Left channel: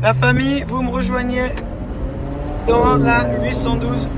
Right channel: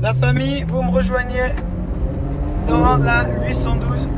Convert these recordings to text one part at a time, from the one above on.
La famille, vous me rejoignez dans la 812.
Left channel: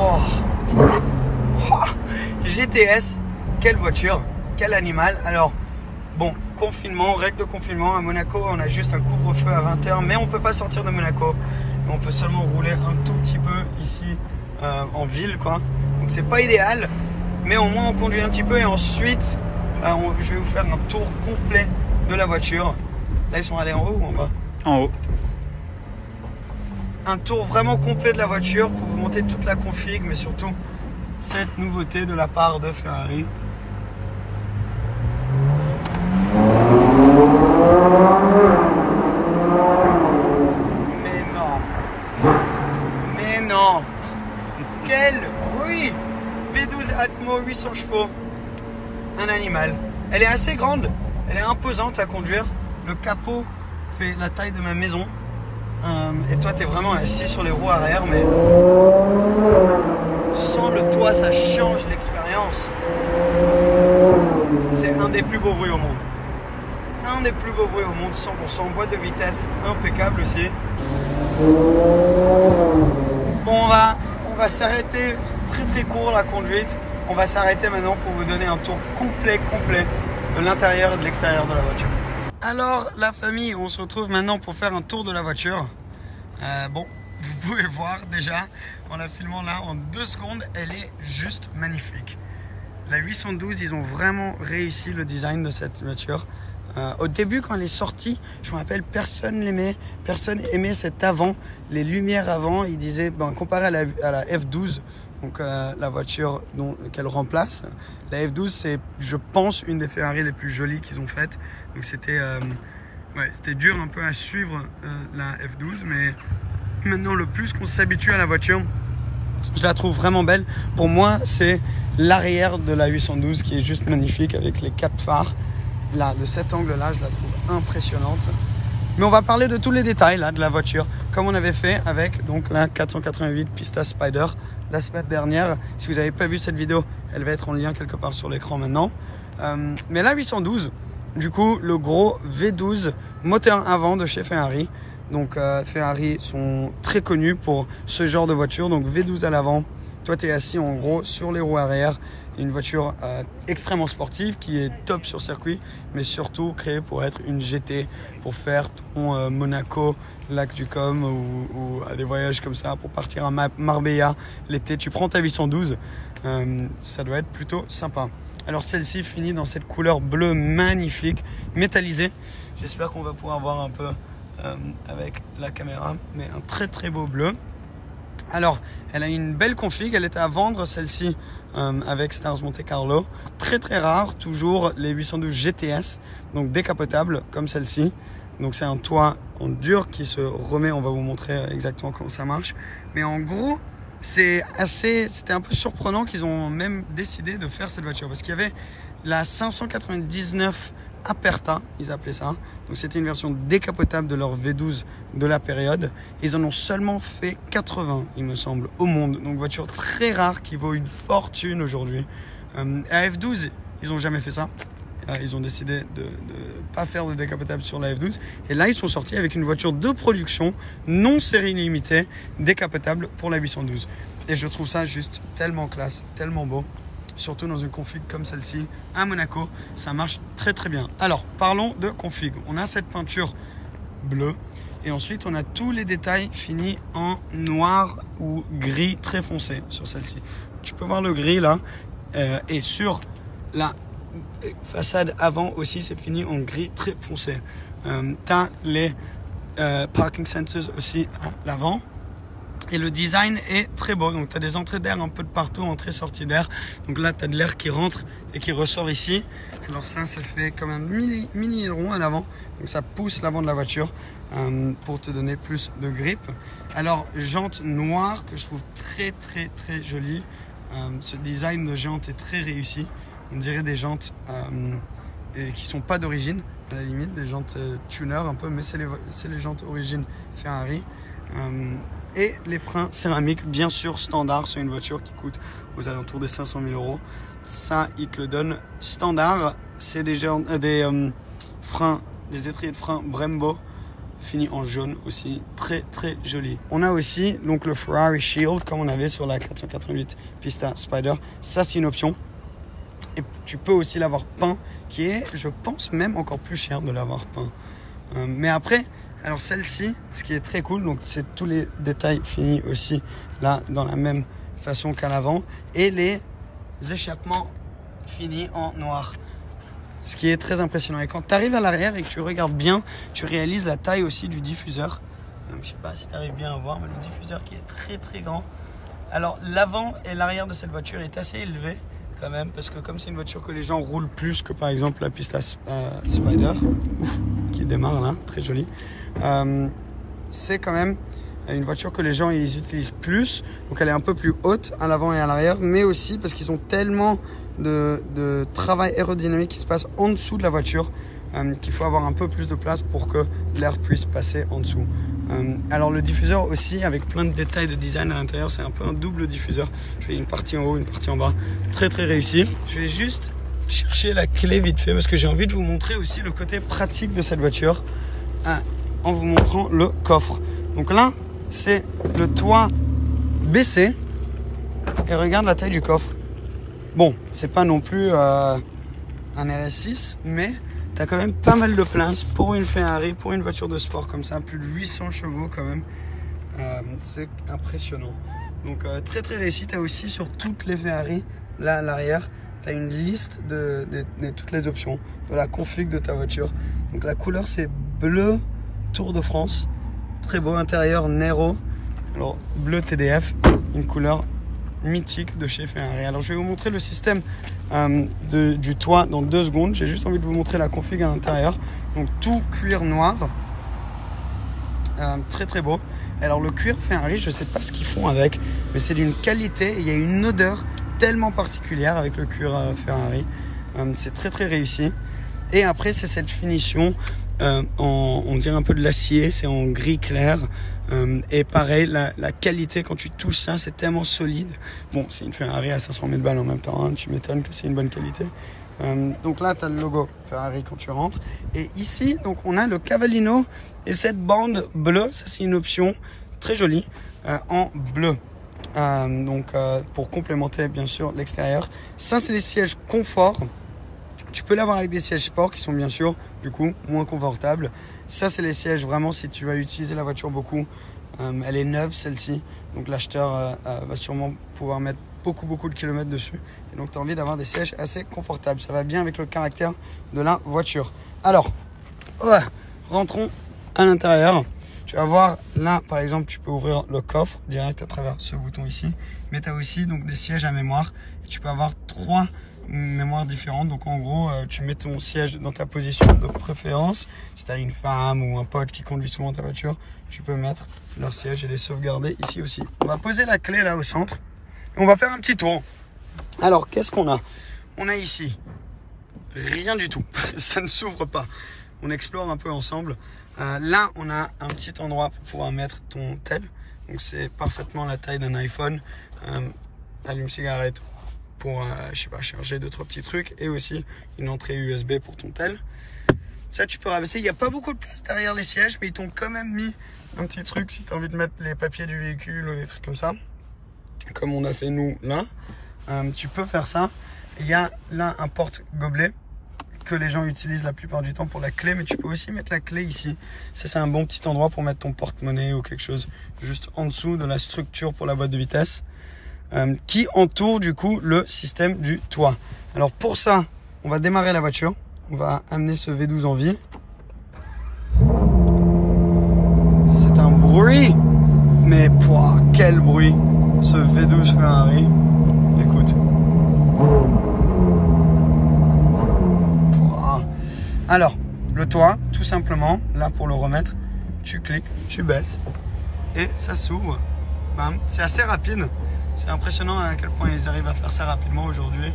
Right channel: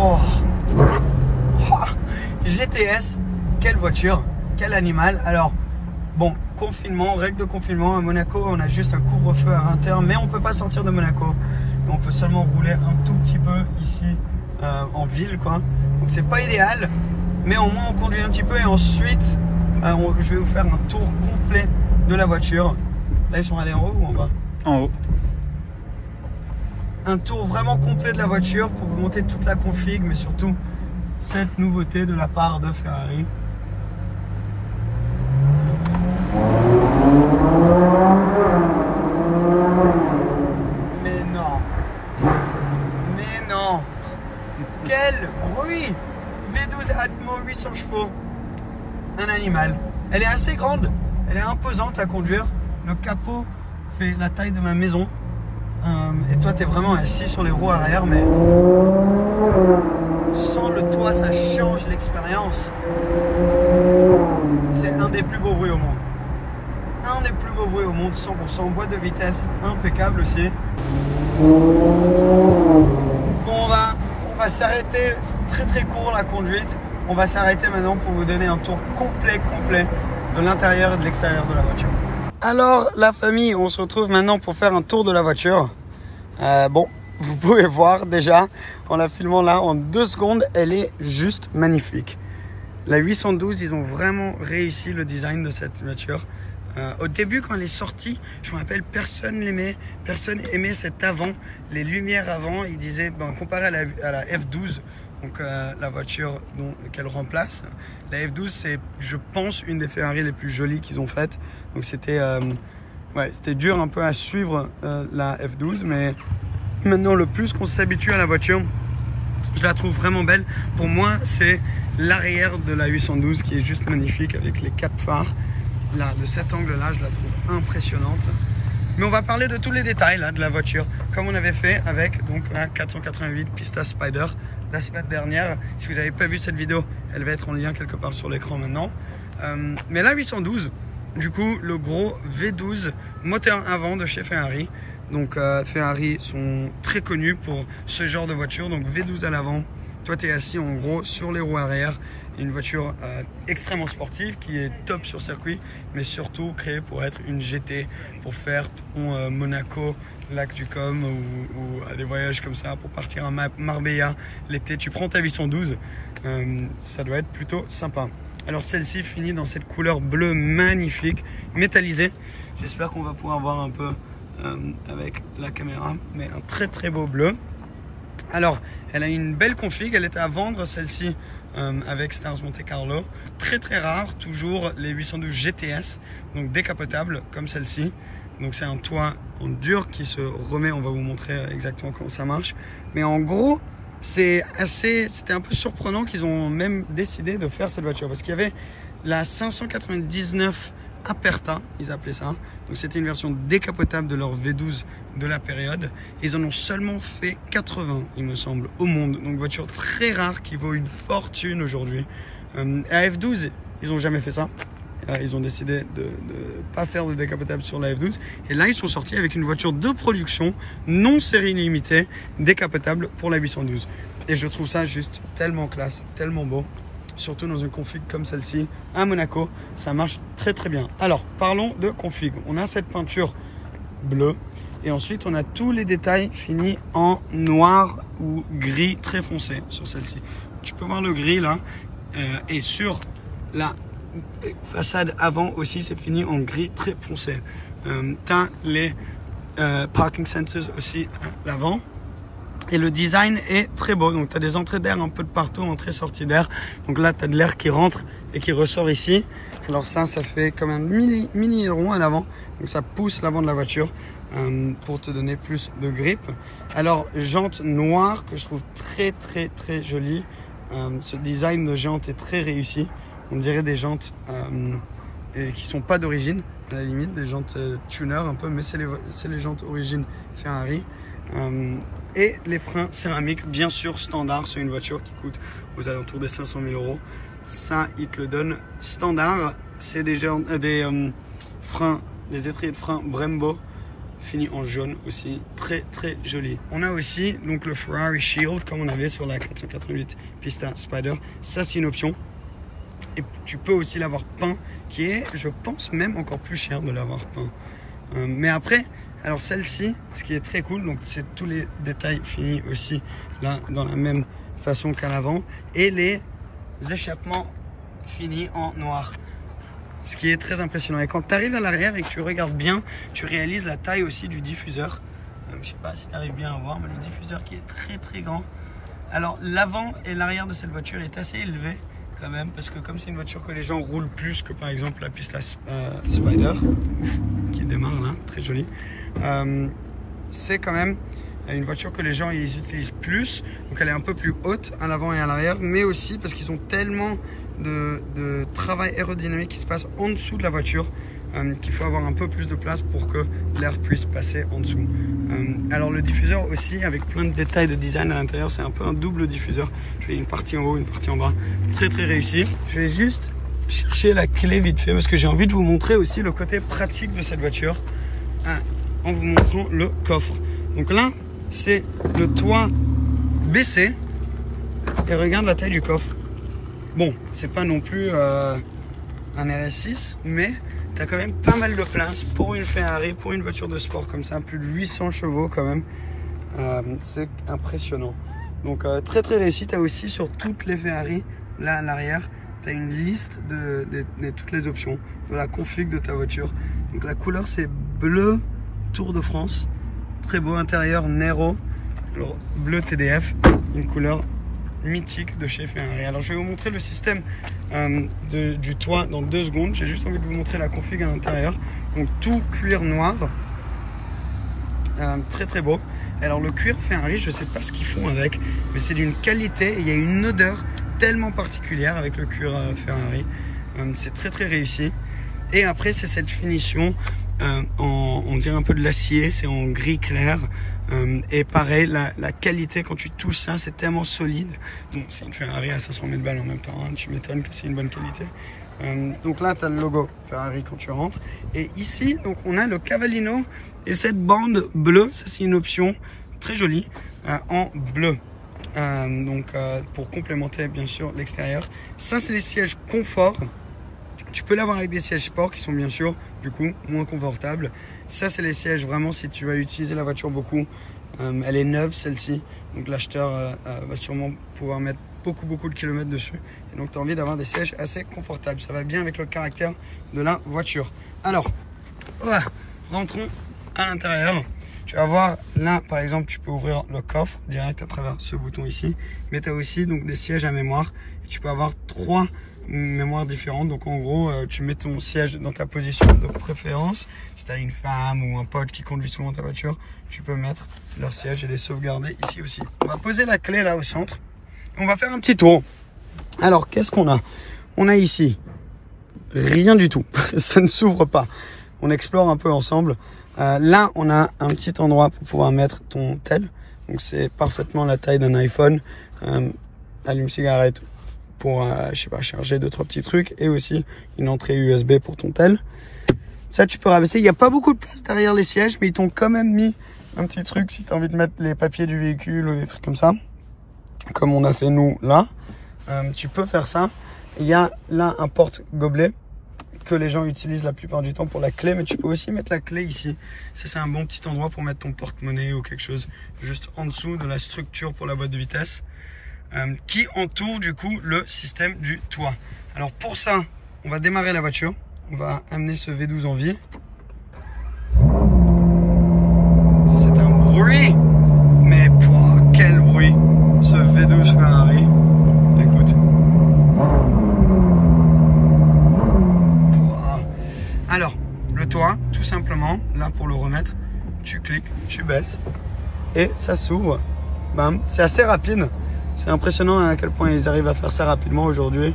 Oh. GTS, quelle voiture, quel animal. Alors, bon, confinement, règle de confinement. À Monaco, on a juste un couvre-feu à 20 h, mais on ne peut pas sortir de Monaco. On peut seulement rouler un tout petit peu ici en ville, quoi. Donc, c'est pas idéal, mais au moins on conduit un petit peu et ensuite, je vais vous faire un tour complet de la voiture. Là, ils sont allés en haut ou en bas? En haut. Un tour vraiment complet de la voiture pour vous montrer toute la config, mais surtout cette nouveauté de la part de Ferrari. Mais non, quel bruit! V12 Atmo 800 chevaux, un animal. Elle est assez grande, elle est imposante à conduire. Le capot fait la taille de ma maison. Et toi, tu es vraiment assis sur les roues arrière, mais sans le toit, ça change l'expérience. C'est un des plus beaux bruits au monde. Un des plus beaux bruits au monde, 100%. Boîte de vitesse impeccable aussi. On va s'arrêter, très court la conduite. On va s'arrêter maintenant pour vous donner un tour complet de l'intérieur et de l'extérieur de la voiture. Alors la famille, on se retrouve maintenant pour faire un tour de la voiture. Bon, vous pouvez voir déjà en la filmant là en 2 secondes, elle est juste magnifique. La 812, ils ont vraiment réussi le design de cette voiture. Au début, quand elle est sortie, je me rappelle, personne l'aimait, personne aimait cet avant, les lumières avant. Ils disaient, ben, comparé à la F12, donc la voiture qu'elle remplace, la F12 c'est, je pense, une des Ferrari les plus jolies qu'ils ont faites. Donc c'était dur un peu à suivre la F12, mais maintenant le plus qu'on s'habitue à la voiture, je la trouve vraiment belle. Pour moi, c'est l'arrière de la 812 qui est juste magnifique avec les 4 phares. Là, de cet angle-là, je la trouve impressionnante. Mais on va parler de tous les détails là, de la voiture, comme on avait fait avec donc, la 488 Pista Spider la semaine dernière. Si vous n'avez pas vu cette vidéo, elle va être en lien quelque part sur l'écran maintenant. Mais la 812, du coup, le gros V12 moteur avant de chez Ferrari. Donc Ferrari sont très connus pour ce genre de voiture. Donc V12 à l'avant, toi tu es assis en gros sur les roues arrière. Une voiture extrêmement sportive qui est top sur circuit, mais surtout créée pour être une GT, pour faire ton Monaco, Lac du Com ou des voyages comme ça, pour partir à Marbella l'été. Tu prends ta 812, ça doit être plutôt sympa. Alors celle-ci finit dans cette couleur bleue magnifique, métallisée. J'espère qu'on va pouvoir voir un peu avec la caméra, mais un très beau bleu. Alors, elle a une belle config, elle était à vendre celle-ci avec Stars Monte Carlo. Très rare, toujours les 812 GTS, donc décapotables comme celle-ci. Donc c'est un toit en dur qui se remet, on va vous montrer exactement comment ça marche. Mais en gros, c'était un peu surprenant qu'ils ont même décidé de faire cette voiture. Parce qu'il y avait la 599 Aperta, ils appelaient ça. Donc c'était une version décapotable de leur V12 de la période. Ils en ont seulement fait 80, il me semble, au monde. Donc voiture très rare qui vaut une fortune aujourd'hui. À F12, ils n'ont jamais fait ça. Ils ont décidé de ne pas faire de décapotable sur la F12. Et là, ils sont sortis avec une voiture de production, non série limitée, décapotable pour la 812. Et je trouve ça juste tellement classe, tellement beau. Surtout dans une config comme celle-ci à Monaco, ça marche très bien. Alors parlons de config. On a cette peinture bleue et ensuite on a tous les détails finis en noir ou gris très foncé sur celle-ci. Tu peux voir le gris là et sur la façade avant aussi c'est fini en gris très foncé. Tu as les parking sensors aussi à l'avant. Et le design est très beau, donc tu as des entrées d'air un peu de partout, entrée-sortie d'air. Donc là, tu as de l'air qui rentre et qui ressort ici. Alors ça fait comme un mini aileron à l'avant. Donc ça pousse l'avant de la voiture pour te donner plus de grip. Alors, jantes noires que je trouve très jolie. Ce design de jantes est très réussi. On dirait des jantes qui sont pas d'origine, à la limite, des jantes tuner un peu, mais c'est les jantes origine Ferrari. Et les freins céramiques, bien sûr standard, c'est une voiture qui coûte aux alentours des 500 000 €. Ça, ils te le donnent standard. C'est des freins, des étriers de frein Brembo fini en jaune aussi, très très joli. On a aussi donc le Ferrari Shield comme on avait sur la 488 Pista Spider. Ça c'est une option. Et tu peux aussi l'avoir peint, qui est, je pense, même encore plus cher de l'avoir peint. Mais après, alors celle-ci, ce qui est très cool, donc c'est tous les détails finis aussi là dans la même façon qu'à l'avant, et les échappements finis en noir. Ce qui est très impressionnant. Et quand tu arrives à l'arrière et que tu regardes bien, tu réalises la taille aussi du diffuseur. Je sais pas si tu arrives bien à voir, mais le diffuseur qui est très très grand. Alors l'avant et l'arrière de cette voiture est assez élevé quand même, parce que comme c'est une voiture que les gens roulent plus que par exemple la Pista Spider, qui démarre là, très jolie, c'est quand même une voiture que les gens ils utilisent plus, donc elle est un peu plus haute à l'avant et à l'arrière, mais aussi parce qu'ils ont tellement de travail aérodynamique qui se passe en dessous de la voiture, qu'il faut avoir un peu plus de place pour que l'air puisse passer en dessous. Alors le diffuseur aussi, avec plein de détails de design à l'intérieur, c'est un peu un double diffuseur. Je fais une partie en haut, une partie en bas, très très réussi. Je vais juste chercher la clé vite fait parce que j'ai envie de vous montrer aussi le côté pratique de cette voiture en vous montrant le coffre. Donc là, c'est le toit baissé et regarde la taille du coffre. Bon, c'est pas non plus un RS6, mais tu as quand même pas mal de place pour une Ferrari, pour une voiture de sport comme ça, plus de 800 chevaux quand même. C'est impressionnant. Donc très très réussi. Tu as aussi sur toutes les Ferrari, là à l'arrière, tu as une liste de toutes les options, de la config de ta voiture. Donc la couleur c'est bleu Tour de France, très beau intérieur Nero, alors bleu TDF, une couleur mythique de chez Ferrari. Alors je vais vous montrer le système du toit dans 2 secondes. J'ai juste envie de vous montrer la config à l'intérieur. Donc tout cuir noir, très très beau. Alors le cuir Ferrari, je sais pas ce qu'ils font avec, mais c'est d'une qualité, il y a une odeur tellement particulière avec le cuir Ferrari. C'est très très réussi. Et après c'est cette finition on dirait un peu de l'acier, c'est en gris clair. Et pareil, la qualité quand tu touches ça, c'est tellement solide. Bon, c'est une Ferrari à 500 000 balles en même temps, hein, tu m'étonnes que c'est une bonne qualité. Donc là, tu as le logo Ferrari quand tu rentres. Et ici, donc on a le Cavallino et cette bande bleue, ça c'est une option très jolie en bleu. Pour complémenter bien sûr l'extérieur. Ça c'est les sièges confort. Tu peux l'avoir avec des sièges sport qui sont bien sûr du coup moins confortables. Ça c'est les sièges vraiment si tu vas utiliser la voiture beaucoup. Elle est neuve celle-ci, donc l'acheteur va sûrement pouvoir mettre beaucoup de kilomètres dessus. Et donc tu as envie d'avoir des sièges assez confortables. Ça va bien avec le caractère de la voiture. Alors, rentrons à l'intérieur. Tu vas voir là par exemple tu peux ouvrir le coffre direct à travers ce bouton ici. Mais tu as aussi donc des sièges à mémoire. Et tu peux avoir 3 mémoires différentes. Donc en gros tu mets ton siège dans ta position de préférence. Si tu as une femme ou un pote qui conduit souvent ta voiture, tu peux mettre leur siège et les sauvegarder ici aussi. On va poser la clé là au centre. On va faire un petit tour. Alors qu'est-ce qu'on a? On a ici rien du tout. Ça ne s'ouvre pas. On explore un peu ensemble. Là on a un petit endroit pour pouvoir mettre ton tel. Donc c'est parfaitement la taille d'un iPhone. Allume-cigarette pour je sais pas, charger 2-3 petits trucs, et aussi une entrée USB pour ton tel. Ça tu peux rabaisser. Il n'y a pas beaucoup de place derrière les sièges, mais ils t'ont quand même mis un petit truc si tu as envie de mettre les papiers du véhicule ou des trucs comme ça, comme on a fait nous là. Tu peux faire ça. Il y a là un porte-gobelet que les gens utilisent la plupart du temps pour la clé, mais tu peux aussi mettre la clé ici. Ça c'est un bon petit endroit pour mettre ton porte-monnaie ou quelque chose juste en dessous de la structure pour la boîte de vitesse. Qui entoure du coup le système du toit. Alors pour ça, on va démarrer la voiture. On va amener ce V12 en vie. C'est un bruit, mais quel bruit ce V12 Ferrari. Écoute. Alors, le toit, tout simplement, là pour le remettre, tu cliques, tu baisses et ça s'ouvre. Bam, c'est assez rapide. C'est impressionnant à quel point ils arrivent à faire ça rapidement aujourd'hui.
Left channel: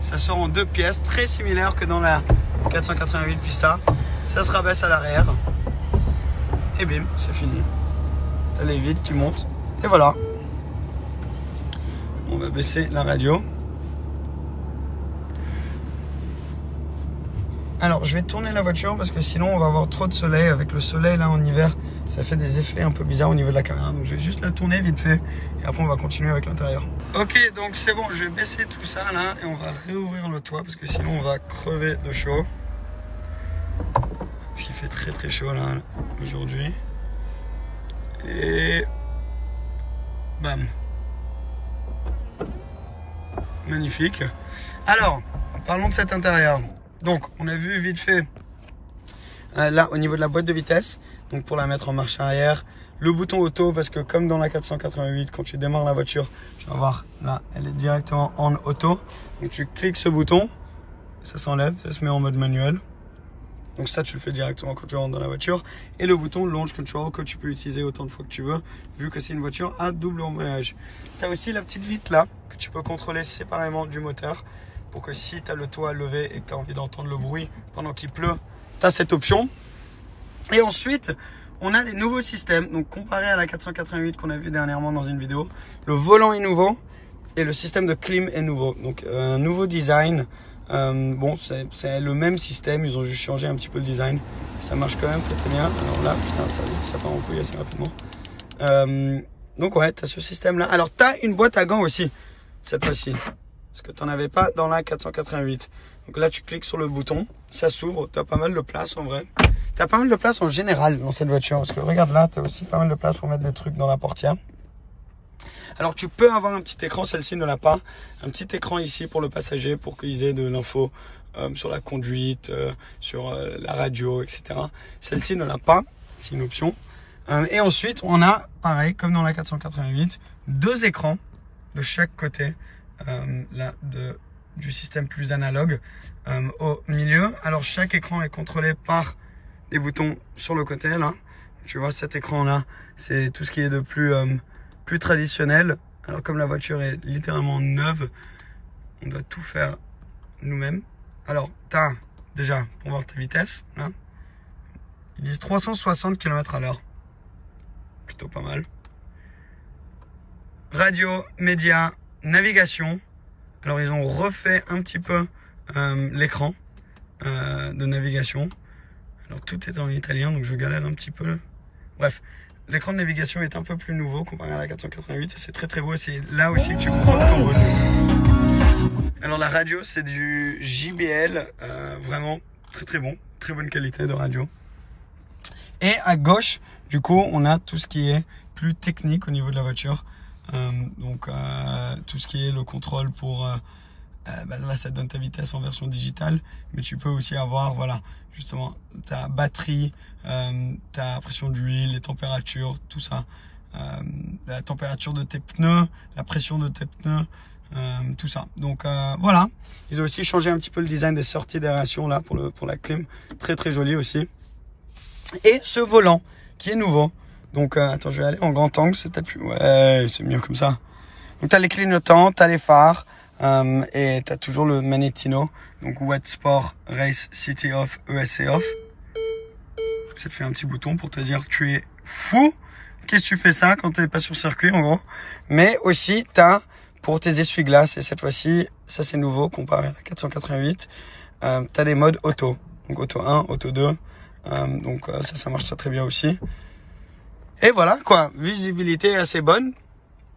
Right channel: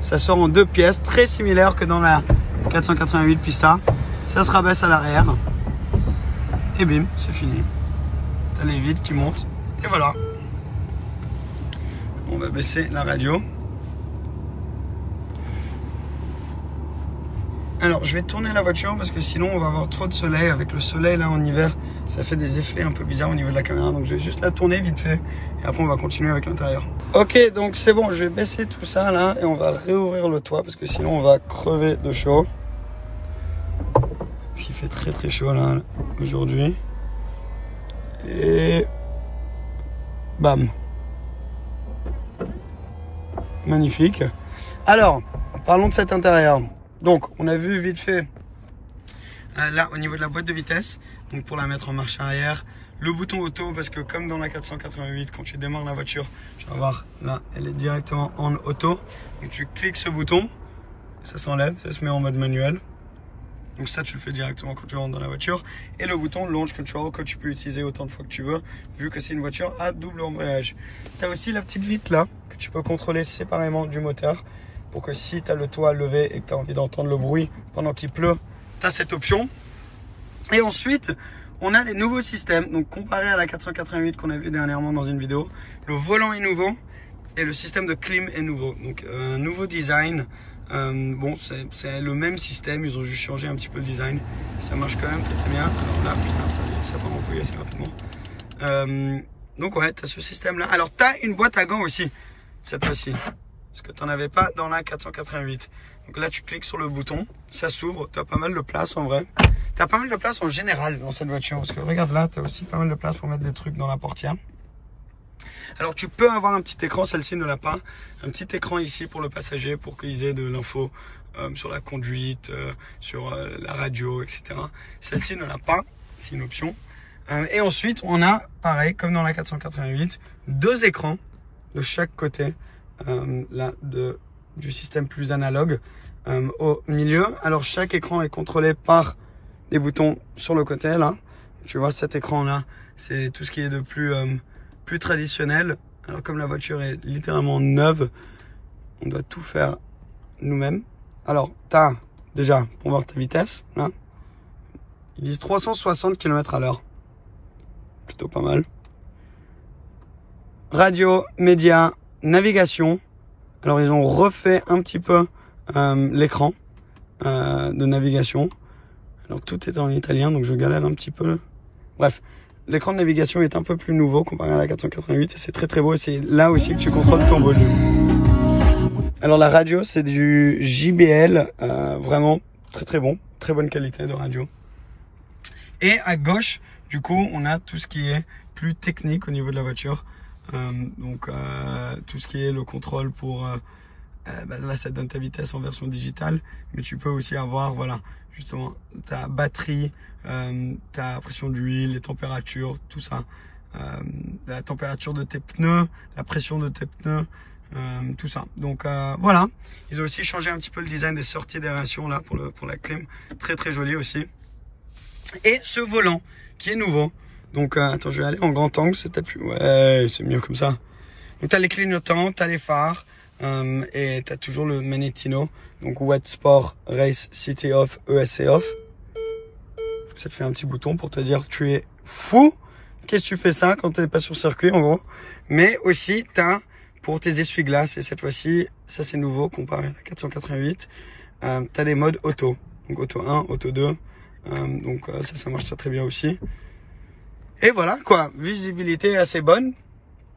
Ça sort en 2 pièces, très similaire que dans la 488 Pista. Ça se rabaisse à l'arrière. Et bim, c'est fini. T'as les vitres qui montent. Et voilà. On va baisser la radio. Alors, je vais tourner la voiture parce que sinon, on va avoir trop de soleil. Avec le soleil, là, en hiver, ça fait des effets un peu bizarres au niveau de la caméra. Donc, je vais juste la tourner vite fait. Et après, on va continuer avec l'intérieur. Ok, donc c'est bon. Je vais baisser tout ça, là. Et on va réouvrir le toit parce que sinon, on va crever de chaud. Il fait très, très chaud, là, aujourd'hui. Et... bam. Magnifique. Alors, parlons de cet intérieur. Donc, on a vu vite fait là au niveau de la boîte de vitesse, donc pour la mettre en marche arrière, le bouton auto parce que comme dans la 488, quand tu démarres la voiture, tu vas voir là, elle est directement en auto. Donc tu cliques ce bouton, ça s'enlève, ça se met en mode manuel. Donc ça, tu le fais directement quand tu rentres dans la voiture. Et le bouton launch control que tu peux utiliser autant de fois que tu veux, vu que c'est une voiture à double embrayage. Tu as aussi la petite vitre là, que tu peux contrôler séparément du moteur. Pour que si tu as le toit levé et que tu as envie d'entendre le bruit pendant qu'il pleut, tu as cette option. Et ensuite, on a des nouveaux systèmes. Donc comparé à la 488 qu'on a vu dernièrement dans une vidéo, le volant est nouveau et le système de clim est nouveau. Donc un nouveau design. Bon, c'est le même système, ils ont juste changé un petit peu le design. Ça marche quand même très très bien. Alors là, ça part en couille assez rapidement. Donc ouais, tu as ce système là. Alors tu as une boîte à gants aussi, cette fois-ci. Parce que tu n'en avais pas dans la 488. Donc là, tu cliques sur le bouton, ça s'ouvre. Tu as pas mal de place en vrai. Tu as pas mal de place en général dans cette voiture. Parce que regarde là, tu as aussi pas mal de place pour mettre des trucs dans la portière. Alors tu peux avoir un petit écran, celle-ci ne l'a pas. Un petit écran ici pour le passager pour qu'ils aient de l'info sur la conduite, sur la radio, etc. Celle-ci ne l'a pas, c'est une option. Et ensuite, on a, pareil, comme dans la 488, deux écrans de chaque côté. Là, du système plus analogue au milieu. Alors chaque écran est contrôlé par des boutons sur le côté là. Tu vois cet écran là, c'est tout ce qui est de plus traditionnel. Alors comme la voiture est littéralement neuve, on doit tout faire nous-mêmes. Alors tu as déjà pour voir ta vitesse là, ils disent 360 km/h, plutôt pas mal. Radio, médias, navigation. Alors ils ont refait un petit peu l'écran de navigation. Alors tout est en italien donc je galère un petit peu. Bref, l'écran de navigation est un peu plus nouveau comparé à la 488 et c'est très très beau et c'est là aussi que tu comprends ton volume. Alors la radio c'est du JBL, vraiment très très bon, très bonne qualité de radio. Et à gauche du coup on a tout ce qui est plus technique au niveau de la voiture. Donc tout ce qui est le contrôle pour là ça te donne ta vitesse en version digitale, mais tu peux aussi avoir voilà justement ta batterie, ta pression d'huile, les températures, tout ça, la température de tes pneus, la pression de tes pneus, tout ça. Donc voilà, ils ont aussi changé un petit peu le design des sorties d'aération là pour la clim, très très joli aussi. Et ce volant qui est nouveau. Donc attends, je vais aller en grand angle, c'est peut-être plus... Ouais, c'est mieux comme ça. Donc tu as les clignotants, tu as les phares et tu as toujours le Manettino. Donc Wet Sport, Race, City Off, ESC Off. Ça te fait un petit bouton pour te dire tu es fou. Qu'est-ce que tu fais ça quand tu n'es pas sur circuit en gros. Mais aussi tu as pour tes essuie-glaces et cette fois-ci, ça c'est nouveau comparé à la 488. Tu as des modes auto. Donc auto 1, auto 2. Donc ça marche très très bien aussi. Et voilà quoi, visibilité assez bonne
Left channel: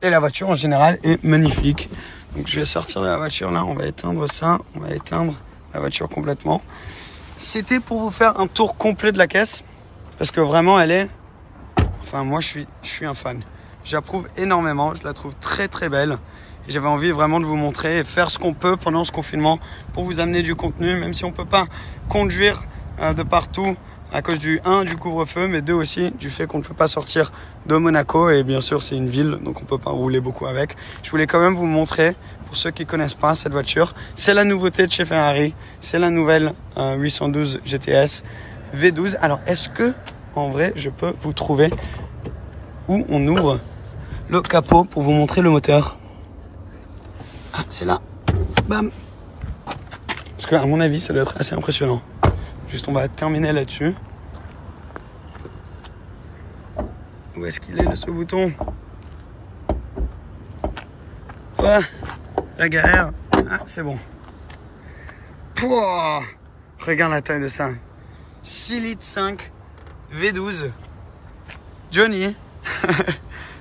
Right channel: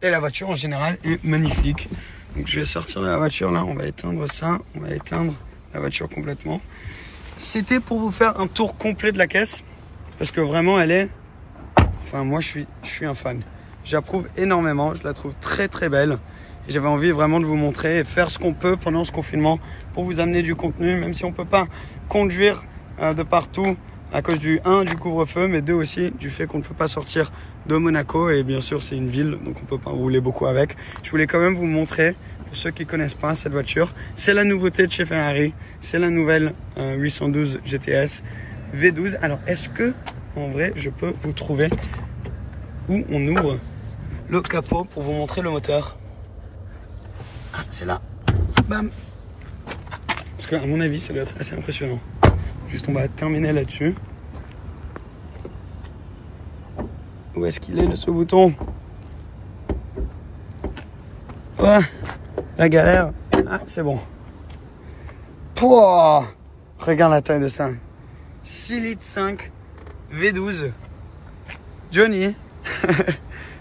et la voiture en général est magnifique. Donc je vais sortir de la voiture là, on va éteindre ça, on va éteindre la voiture complètement. C'était pour vous faire un tour complet de la caisse parce que vraiment elle est, enfin moi je suis un fan. J'approuve énormément, je la trouve très très belle et j'avais envie vraiment de vous montrer et faire ce qu'on peut pendant ce confinement pour vous amener du contenu, même si on peut pas conduire de partout. À cause du couvre-feu, mais 2 aussi du fait qu'on ne peut pas sortir de Monaco et bien sûr c'est une ville donc on ne peut pas rouler beaucoup avec. Je voulais quand même vous montrer pour ceux qui ne connaissent pas cette voiture. C'est la nouveauté de chez Ferrari, c'est la nouvelle 812 GTS V12. Alors est-ce que en vrai je peux vous trouver où on ouvre le capot pour vous montrer le moteur? Ah c'est là, bam. Parce qu'à mon avis ça doit être assez impressionnant. Juste on va terminer là-dessus. Où est-ce qu'il est ce bouton? La galère. Ah c'est bon. Pouah, Regarde la taille de ça. 6 litres 5 V12. Johnny.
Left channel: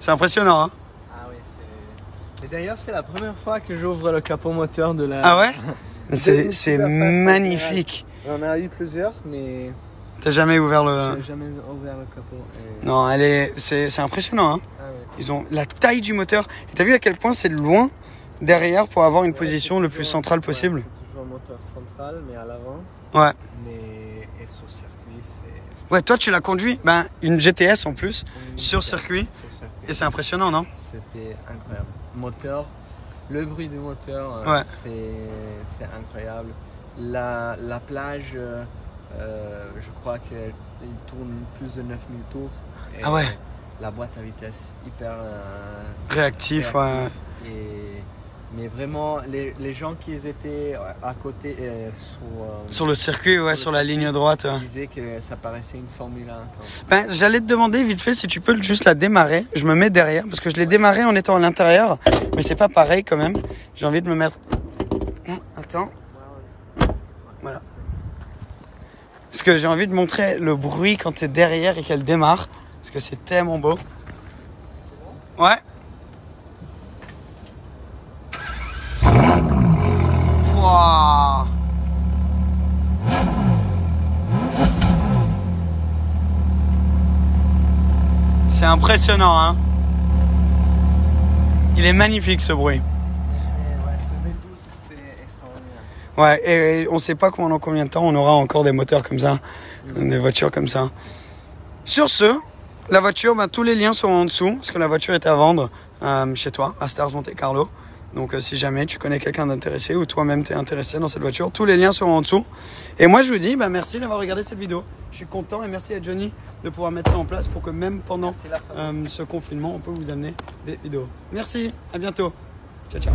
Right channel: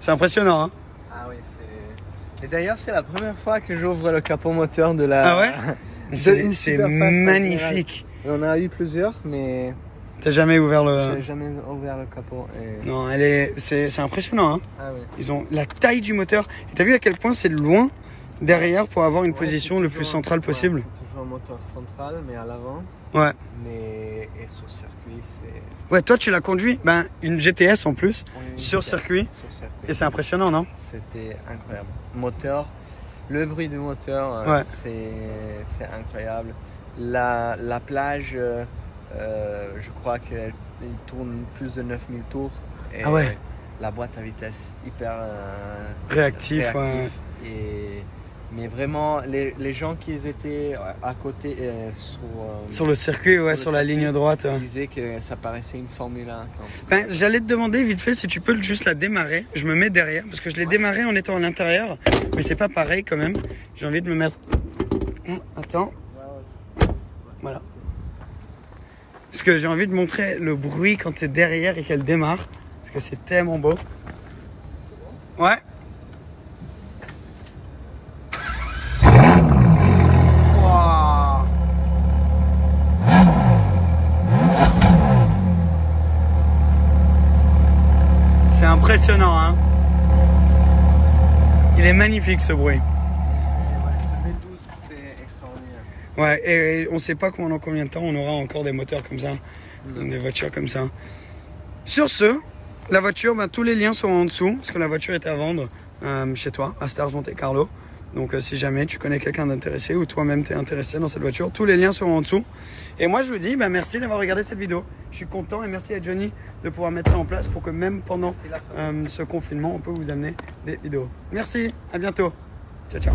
C'est impressionnant, hein? Ah oui, c'est... Et d'ailleurs, c'est la première fois que j'ouvre le capot moteur de la... Ah ouais? C'est magnifique. On a eu plusieurs, mais... T'as jamais ouvert le... J'ai jamais ouvert le capot. Et... Non, c'est impressionnant, hein? Ah oui. Ils ont la taille du moteur. Et t'as vu à quel point c'est loin derrière pour avoir une position le plus centrale possible? C'est toujours un moteur central, mais à l'avant. Ouais. Mais et sur circuit, c'est... Ouais, toi tu l'as conduit, ben une GTS en plus, Oui, sur circuit. Sur circuit. Et c'est impressionnant, non? C'était incroyable. Moteur, le bruit du moteur, Ouais. c'est incroyable. La plage, je crois qu'elle tourne plus de 9000 tours. Et Ah ouais. La boîte à vitesse hyper Réactif, ouais. Mais vraiment, les gens qui étaient à côté Sur le circuit, ouais, sur la ligne droite. Ils disaient que ça paraissait une Formule 1. Ben, j'allais te demander vite fait si tu peux juste la démarrer. Je me mets derrière parce que je l'ai démarré en étant à l'intérieur, mais c'est pas pareil quand même. J'ai envie de me mettre. Attends. Voilà. Parce que j'ai envie de montrer le bruit quand tu es derrière et qu'elle démarre. Parce que c'est tellement beau. Ouais. Wow. C'est impressionnant, hein. Il est magnifique ce bruit. Ce V12, c'est extraordinaire. Ouais, et on sait pas dans combien de temps on aura encore des moteurs comme ça, des voitures comme ça. Sur ce, la voiture, ben, tous les liens sont en dessous, parce que la voiture est à vendre chez toi, à Stars Monte Carlo. Donc si jamais tu connais quelqu'un d'intéressé ou toi-même t'es intéressé dans cette voiture, tous les liens seront en dessous. Et moi je vous dis ben, merci d'avoir regardé cette vidéo. Je suis content et merci à Johnny de pouvoir mettre ça en place pour que même pendant ce confinement, on peut vous amener des vidéos. Merci, à bientôt. Ciao, ciao.